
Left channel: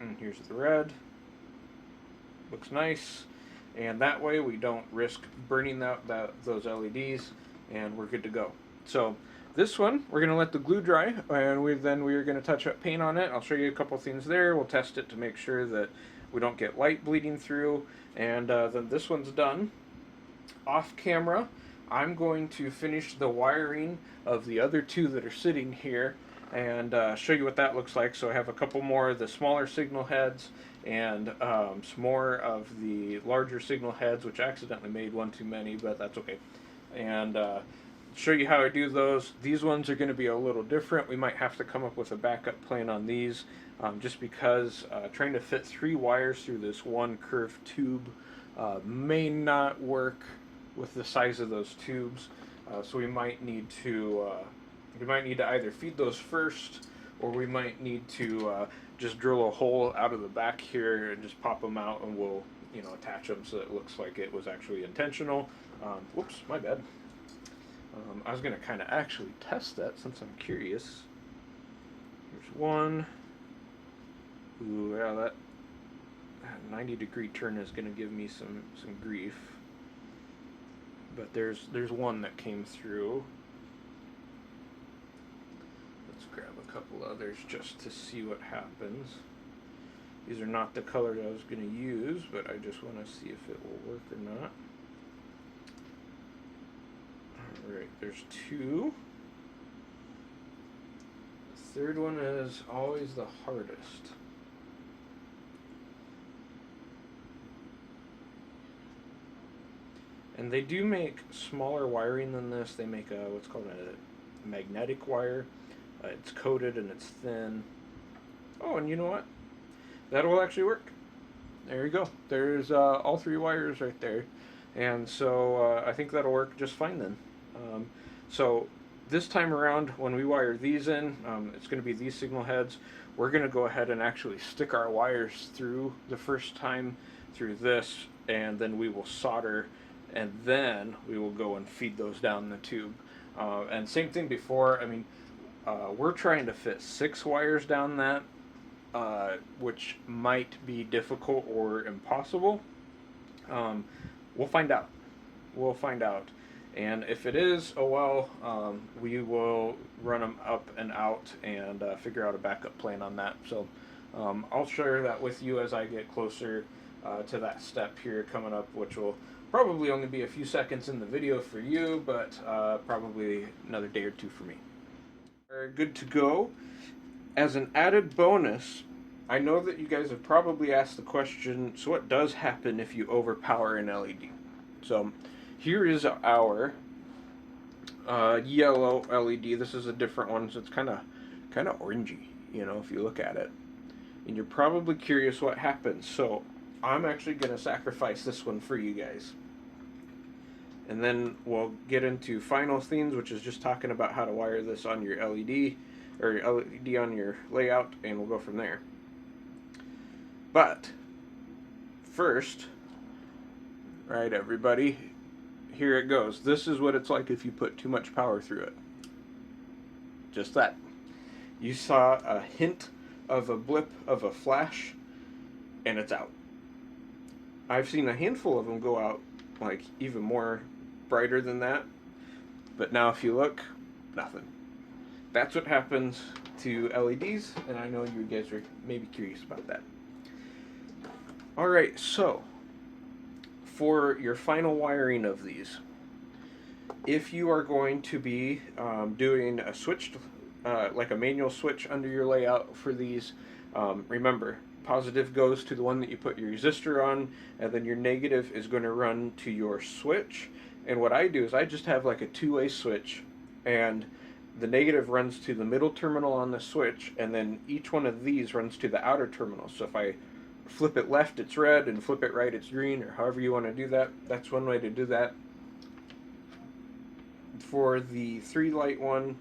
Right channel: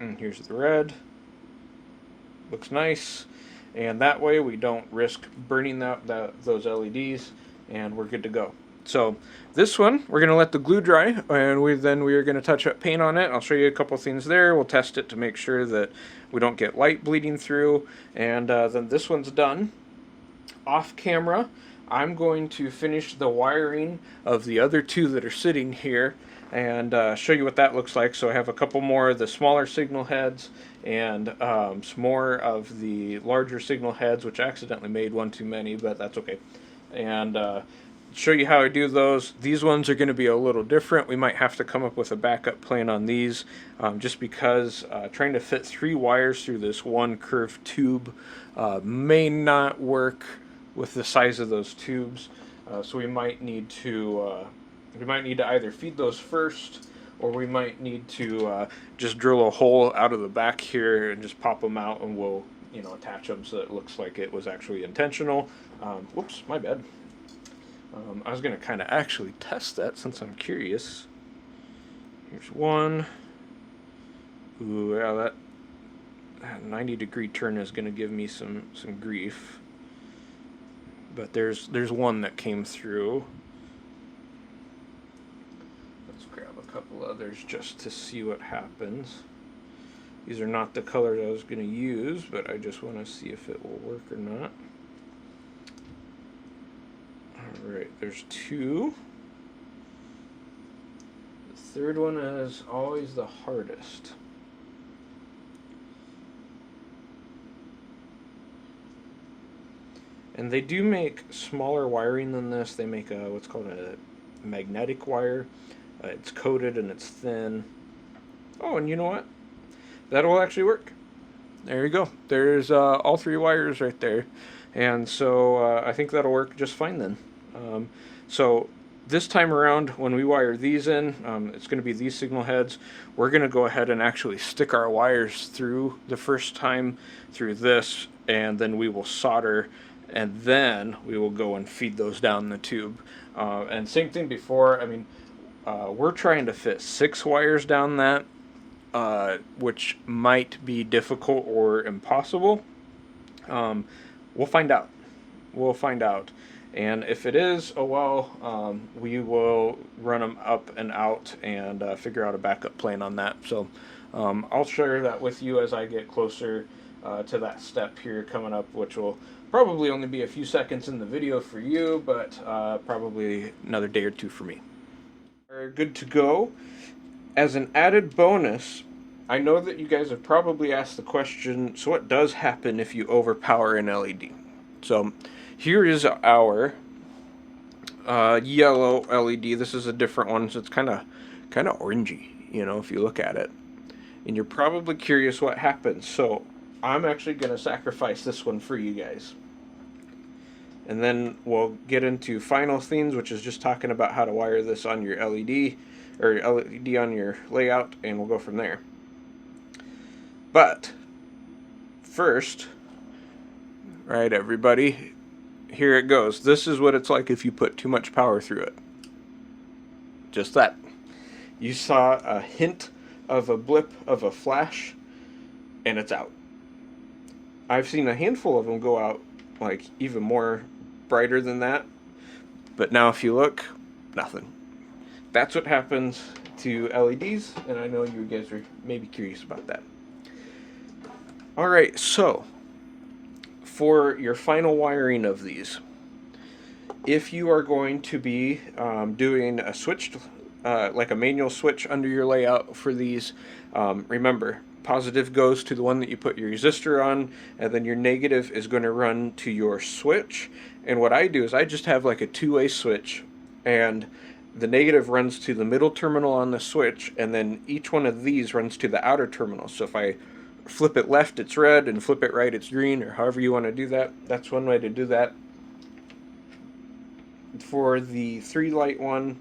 and here's the red. Looks nice, and that way we don't risk burning those LEDs, and we're good to go. So this one, we're going to let the glue dry, and we are going to touch up paint on it. I'll show you a couple things there. We'll test it to make sure that we don't get light bleeding through, and then this one's done. Off camera, I'm going to finish the wiring of the other two that are sitting here and show you what that looks like. So I have a couple more of the smaller signal heads and some more of the larger signal heads, which I accidentally made one too many, but that's okay. And show you how I do those. These ones are going to be a little different. We might have to come up with a backup plan on these, just because trying to fit 3 wires through this one curved tube may not work with the size of those tubes. So we might need to either feed those first, or we might need to just drill a hole out of the back here and just pop them out, and we'll attach them so it looks like it was actually intentional. Whoops, my bad. I was going to kind of actually test that since I'm curious. Here's one. Ooh, yeah, that 90-degree turn is going to give me some grief. But there's one that came through. Let's grab a couple others just to see what happens. These are not the colors I was going to use, but I just want to see if it will work or not. Alright, there's 2. The third one is always the hardest. And they do make smaller wiring than this. They make what's called a magnetic wire. It's coated and it's thin. Oh, and you know what? That'll actually work. There you go. There's all 3 wires right there. And so I think that'll work just fine then. So this time around, when we wire these in, it's going to be these signal heads. We're going to go ahead and actually stick our wires through the first time through this, and then we will solder, and then we will go and feed those down the tube. And same thing before. I mean, we're trying to fit 6 wires down that, which might be difficult or impossible. We'll find out. We'll find out. And if it is, oh well, we will run them up and out and figure out a backup plan on that. So I'll share that with you as I get closer to that step here coming up, which will probably only be a few seconds in the video for you, but probably another day or 2 for me. We're good to go. As an added bonus, I know that you guys have probably asked the question, so what does happen if you overpower an LED? So here is our yellow LED. This is a different one, so it's kind of orangey, you know, if you look at it. And you're probably curious what happens. So I'm actually going to sacrifice this one for you guys. And then we'll get into final themes, which is just talking about how to wire this on your LED or LED on your layout, and we'll go from there. But first, right, everybody, here it goes. This is what it's like if you put too much power through it. Just that. You saw a hint of a blip of a flash, and it's out. I've seen a handful of them go out like even more brighter than that, but now if you look, nothing. That's what happens to LEDs, and I know you guys are maybe curious about that. Alright, so for your final wiring of these, if you are going to be doing a switched, like a manual switch under your layout for these, remember, positive goes to the one that you put your resistor on, and then your negative is going to run to your switch. And what I do is I just have like a two-way switch, and the negative runs to the middle terminal on the switch, and then each one of these runs to the outer terminal. So if I flip it left, it's red, and flip it right, it's green, or however you want to do that. That's one way to do that. For the 3-light one,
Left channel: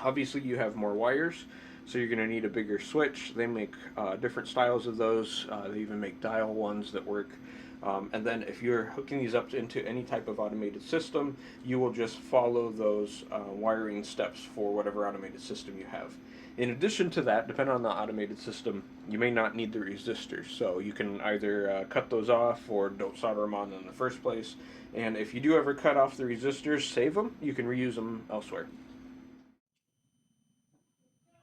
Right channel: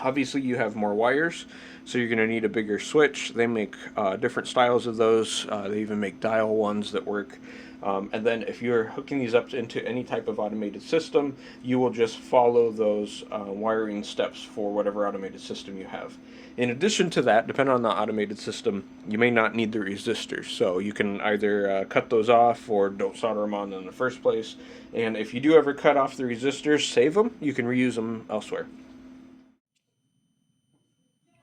obviously you have more wires, so you're going to need a bigger switch. They make different styles of those. They even make dial ones that work. And then if you're hooking these up into any type of automated system, you will just follow those wiring steps for whatever automated system you have. In addition to that, depending on the automated system, you may not need the resistors. So you can either cut those off or don't solder them on in the first place. And if you do ever cut off the resistors, save them. You can reuse them elsewhere.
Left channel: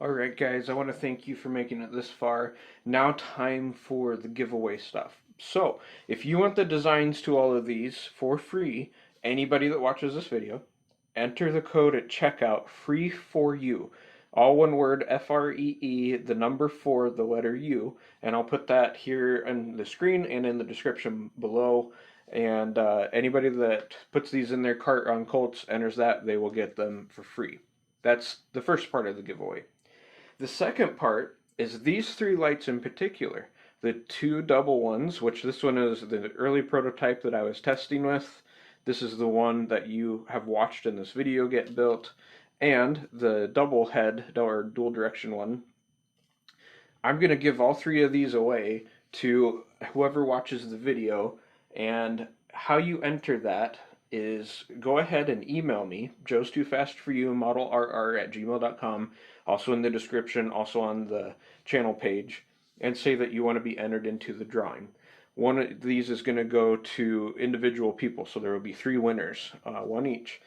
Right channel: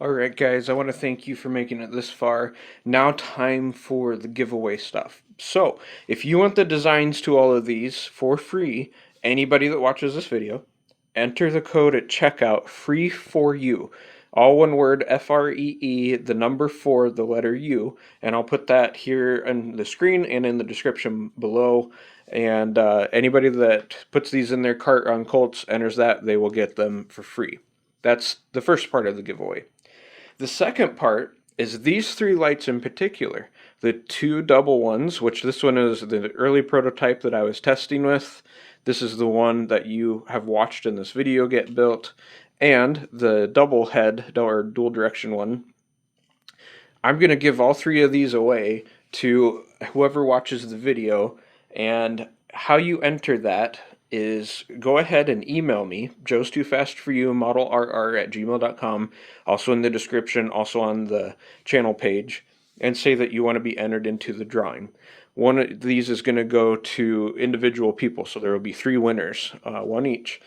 Alright guys, I want to thank you for making it this far. Now time for the giveaway stuff. So, if you want the designs to all of these for free, anybody that watches this video, enter the code at checkout, free for you. All one word, FREE, the number 4, the letter U, and I'll put that here on the screen and in the description below. And anybody that puts these in their cart on Colts, enters that, they will get them for free. That's the first part of the giveaway. The second part is these 3 lights in particular. The 2 double ones, which this one is the early prototype that I was testing with. This is the one that you have watched in this video get built. And the double head, or dual direction one. I'm going to give all 3 of these away to whoever watches the video. And how you enter that is go ahead and email me, Joe's Too Fast For You, modelrr@gmail.com, also in the description, also on the channel page, and say that you want to be entered into the drawing. One of these is going to go to individual people, so there will be 3 winners, one each.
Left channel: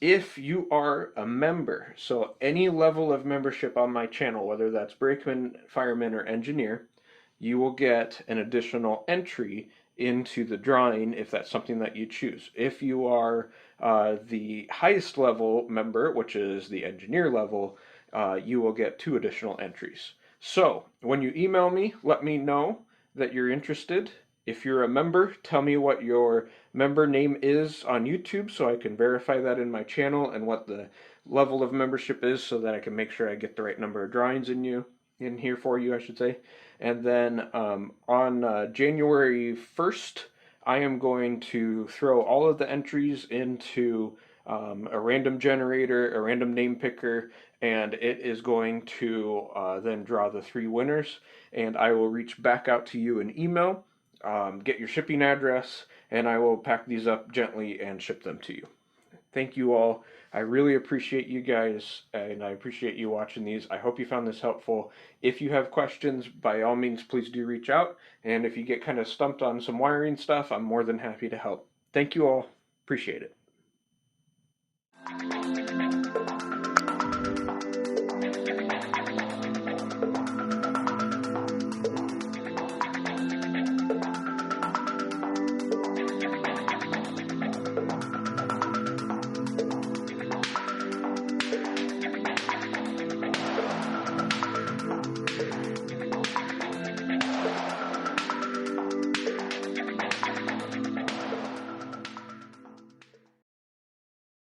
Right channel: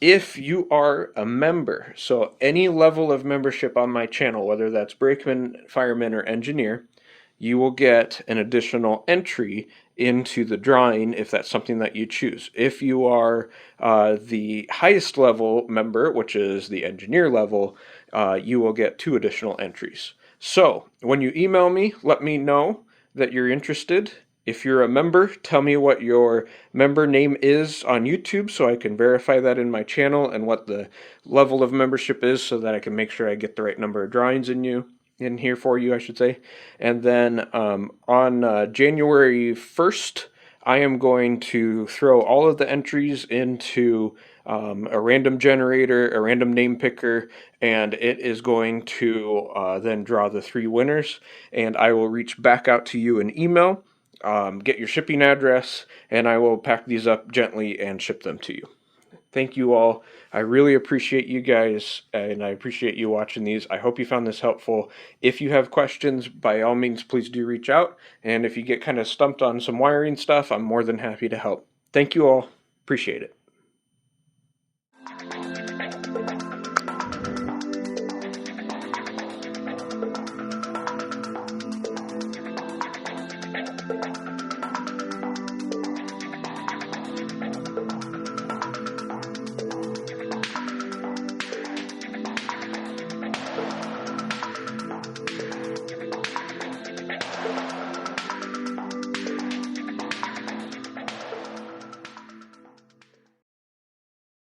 If you are a member, so any level of membership on my channel, whether that's Brakeman, Fireman, or Engineer, you will get an additional entry into the drawing if that's something that you choose. If you are the highest level member, which is the engineer level, you will get 2 additional entries. So when you email me, let me know that you're interested. If you're a member, tell me what your member name is on YouTube so I can verify that in my channel, and what the level of membership is so that I can make sure I get the right number of drawings in here for you, I should say. And then on January 1st, I am going to throw all of the entries into a random generator, a random name picker, and it is going to then draw the 3 winners. And I will reach back out to you in email, get your shipping address, and I will pack these up gently and ship them to you. Thank you all. I really appreciate you guys, and I appreciate you watching these. I hope you found this helpful. If you have questions, by all means, please do reach out. And if you get kind of stumped on some wiring stuff, I'm more than happy to help. Thank you all. Appreciate it.